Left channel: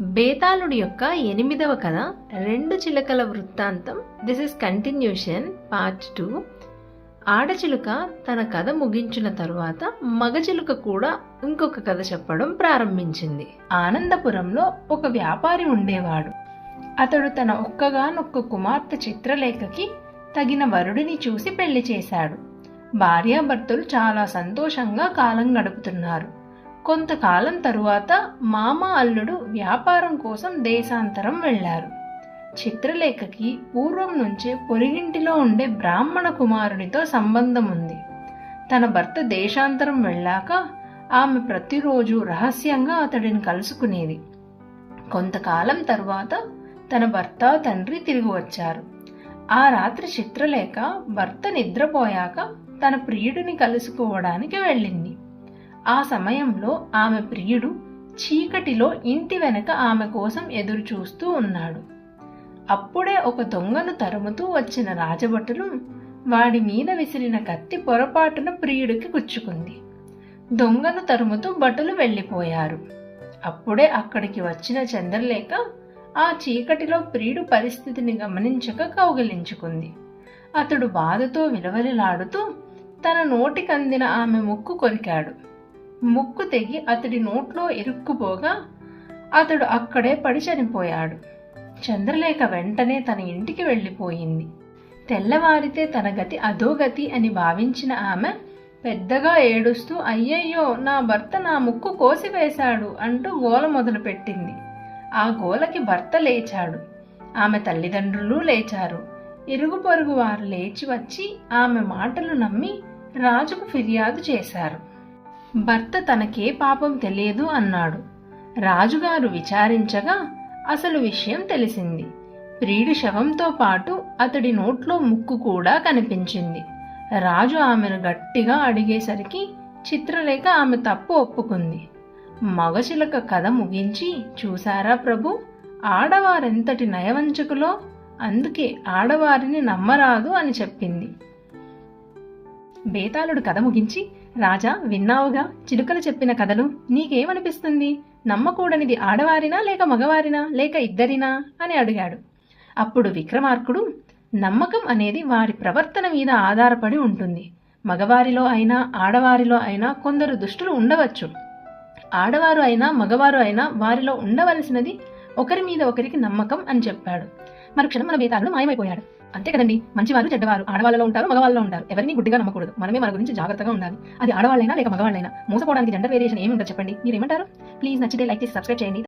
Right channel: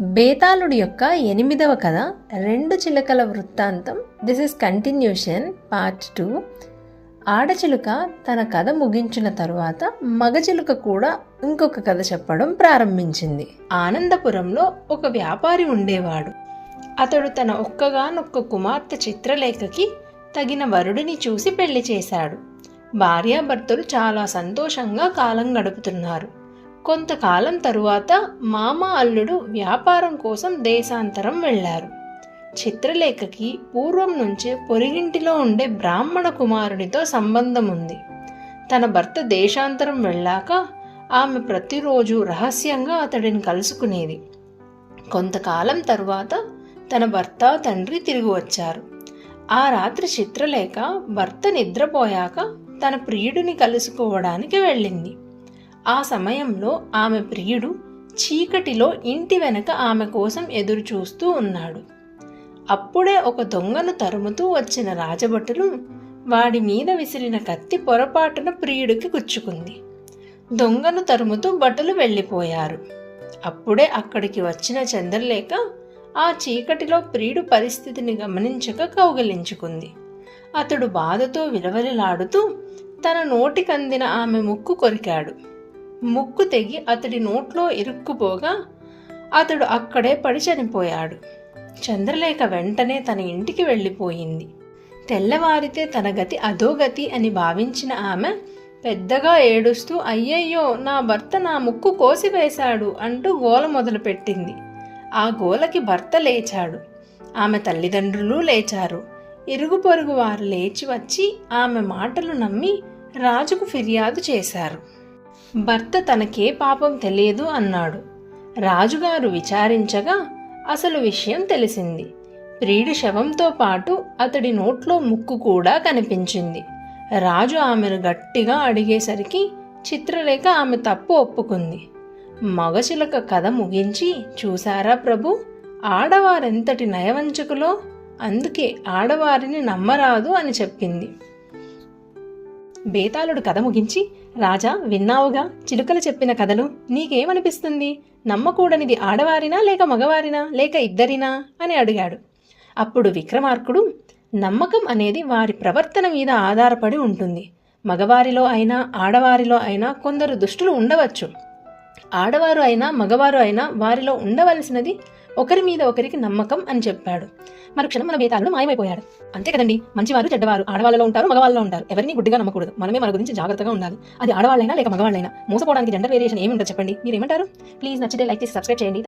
బేతాళుడి యొక్క 8వ కథ రెండు చిలకల వృత్తాంతం. This is continuation part 2. ఆడచిలుక తన కథ ముగించిన తరువాత మగచిలుక కూడా ఇంకొక కథ చెప్పడం ప్రారంభించింది. ఆనందపురంలో ఒక వ్యాపారి ఉండేవాడు. అతడు తన ఒక్కగానొక్క కుమార్తె చిత్రలేఖకి తగిన వరుడిని చూసి పెళ్లి చేశాడు. భార్యాభర్తలు చాలా సంతోషంగా కాలం గడుపుతున్నారు. కొంతకాలం తరువాత మామ అల్లుడు వ్యాపారం కోసం దేశాంతరం వెళ్లారు. చిత్రలేఖకి పూర్వం నుంచే పొరిగింటిలో ఉండే బ్రాహ్మణ కుమారుడితో సంబంధం ఉంది. తన భర్త దేశాంతరం వెళ్ళాక ఆమె ప్రతిరోజు రహస్యంగా అతడిని కలుసుకునేది. కొంతకాలం తరువాత తన భర్త తండ్రి తిరిగి వచ్చారు. ఆ రాత్రి చిత్రలేఖ భర్త నిద్రపోయాక తన ప్రియుడిని కలుసుకోవడానికి వెళ్ళింది. ఆ సమయంలో ఆమె ప్రియుడు చీకటిలో ఇంటి వెనక ఆమె కోసం ఎదురు చూస్తూ ఉన్నాడు. అప్పుడే ఒక దొంగను తరుముతూ వచ్చిన రాజభటులు వాడి మీద విసిరిన కత్తి పొరపాటున ప్రియుడికి గుచ్చుకుంది. దొంగను తరుముతూ భటులు వెళ్ళిపోయారు. అప్పుడే అక్కడికి వచ్చిన చంద్రలేఖ ఆ చీకటిలో ప్రియుడు పరిస్థితిని గమనించక కౌగిలించుకుంది. అతడు బాధతో విలవలిలాడుతూ తన నోటికందిన ఆమె ముక్కు కొరికాడు. ముక్కు తెగి అతడి నోట్లో ఇరుక్కుపోగా అతడు అక్కడే పడి చనిపోయాడు. చంద్రలేఖ వెంటనే తన ఇంటికి వెళ్ళిపోయింది. తెల్లవారితే తన గతి అధోగతి అని భావించిన ఆమె పెద్దగా ఏడుస్తూ అయ్యయ్యో నా భర్త నా ముక్కు కోసివేశాడు అంటూ గోల మొదలుపెట్టింది. ఆ గోలకి భర్త లేచాడు. ఆమె తల్లిదండ్రులు లేచారు. ఇరుగు పొరుగు వారు లేచి వచ్చి ఆమె మాటలు నమ్మి రాజుకు ఫిర్యాదు చేశారు. భర్త తనకే పాపం తెలియదు అన్నాడు. రాజుగారు విచారించగా అసలు విషయం తెలిసింది. ప్రియుడి శవంతో పాటు అతడి నోట్లో ముక్కు కూడా కనిపించింది. రాజు ఆమెను గట్టిగా అడిగేసరికి చిత్రలేఖ ఆమె తప్పు ఒప్పుకుంది. మగచిలక కథ ముగించి చూసారా ప్రభు, ఆడవారెంతటి నయవంచకులో, అందుకే ఆడవారిని నమ్మరాదు అని చెప్పింది. బేతాళుడు కథ ముగించి రాజా విన్నావుగా చిలుకలు చెప్పిన కథలు, నీకేమనిపిస్తుంది? నమ్మకూడనిది ఆడవారినా లేక మగవారినా లేక ఇద్దరినా అని అడిగాడు. అప్పుడు విక్రమార్కుడు నమ్మకం అనేది వారి ప్రవర్తన మీద ఆధారపడి ఉంటుంది. మగవారిలో అయినా ఆడవారిలో అయినా కొందరు దుష్టులు ఉండవచ్చు. ఆడవారు అయినా మగవారు అయినా వారిలో ఉండవలసినది ఒకరి మీద ఒకరికి నమ్మకం అని చెప్పాడు. మరుక్షణం మన బేతాళుడు మాయమైపోయాడు. అంతే కదండి, మంచివారు చెడ్డవారు ఆడవాళ్ళలో ఉంటారు, మగవాళ్ళలో ఉంటారు. ఎవరిని గుడ్డిగా నమ్మకూడదు. మనమే మన గురించి జాగ్రత్తగా ఉండాలి. అది ఆడవాళ్ళైనా లేక మగవాళ్ళైనా. మోసపోవడానికి జెండర్ వేరియేషన్ ఏమి ఉండదు చెప్పండి. మీరేమంటారు? ప్లీజ్ నచ్చితే లైక్ చేసి సబ్స్క్రైబ్ చేయండి.